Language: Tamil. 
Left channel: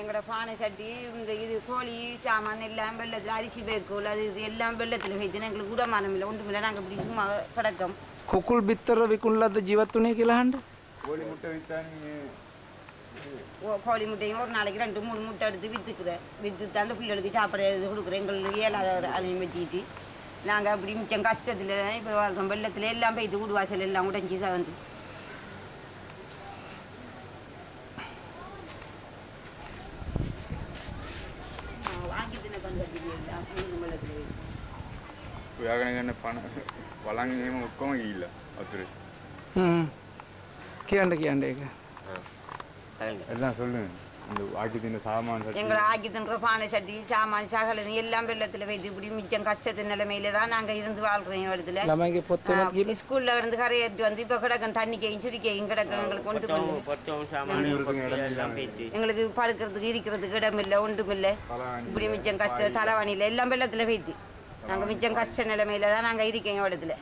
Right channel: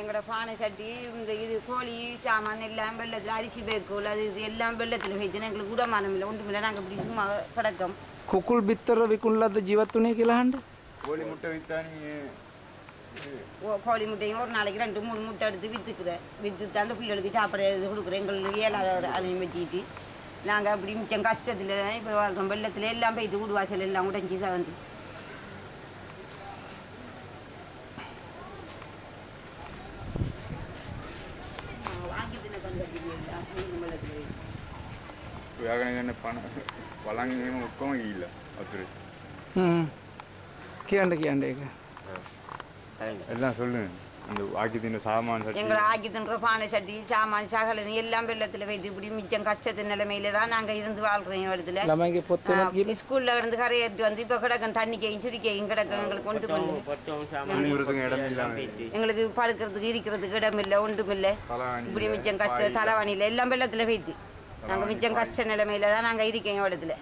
எங்களோட பானை சட்டி இந்த இது கோழி சாமான் எல்லாம் வெள்ளத்தில் அரிசி பேக்கூல் அது இது எல்லாம் வெள்ளத்தில் வைத்து எங்களுக்கு உடமானம் இல்லை ஒன்றுமில்லை நாங்கள் இப்படி சும்மா கிடக்கும் කුකුල් බිත්තර විකුණලද ජීවත් වුණේ කියලා අහන්න. கோழி முட்டை வித்தானே கோழி முட்டையும் ஒரு நாளைக்கு 2-3 முட்டை எடுத்து விற்று அந்த பிள்ளைகளுக்கு சாப்பிட கொடுக்குறோம் எங்களுக்கு ஏழாவது அதையும் வச்சுக்கிட்டு நாங்கள் அப்படி மிச்சம் கஷ்டத்தில் தான் இப்போ வாழ்றோம் வெள்ளத்தில் எல்லாம் போய்த்து வீடு வாசல் எல்லாம் உடஞ்சி வந்து வாங்கி தின வெள்ளத்தில் யாகனகன பணம் වළංගෙම ඔක්කොම ගිහිල්ලා වතුරේ. කියන්න ඒක. எல்லாம் சொல்லுங்க. இந்த ஆக்கி தின்ற சாமான் சட்டி எங்களை ஆக்கி தின்ற பானை சட்டி சாமான் சகல எல்லாம் வெள்ளத்தில் வைத்து இப்படி மிச்சம் கஷ்டத்தின் நிலைமையில தான் நாங்கள் இருந்து வாழ்றோம் இடத்துல. ළමයිගේ පොත් වෙනත් ஸ்கூல்ல இருந்து கரையேற்றி வந்து இப்போ கிடக்கும் தண்ணிக்கையும் சுரிக்கையும் கிடக்கும் எங்களுக்கு எங்களுக்கு படுக்கிறதுக்கு இருக்கிறதுக்கு இடமில்லை ஒன்றுமில்லை இப்படி மிச்சம் கஷ்டம் தலைவாணியில் எல்லாம் வெள்ளத்தில் வைத்து நாங்கள் மிச்சம் கஷ்ட நிலைமையில தான் நாங்கள் இருக்கோம் இடத்துல.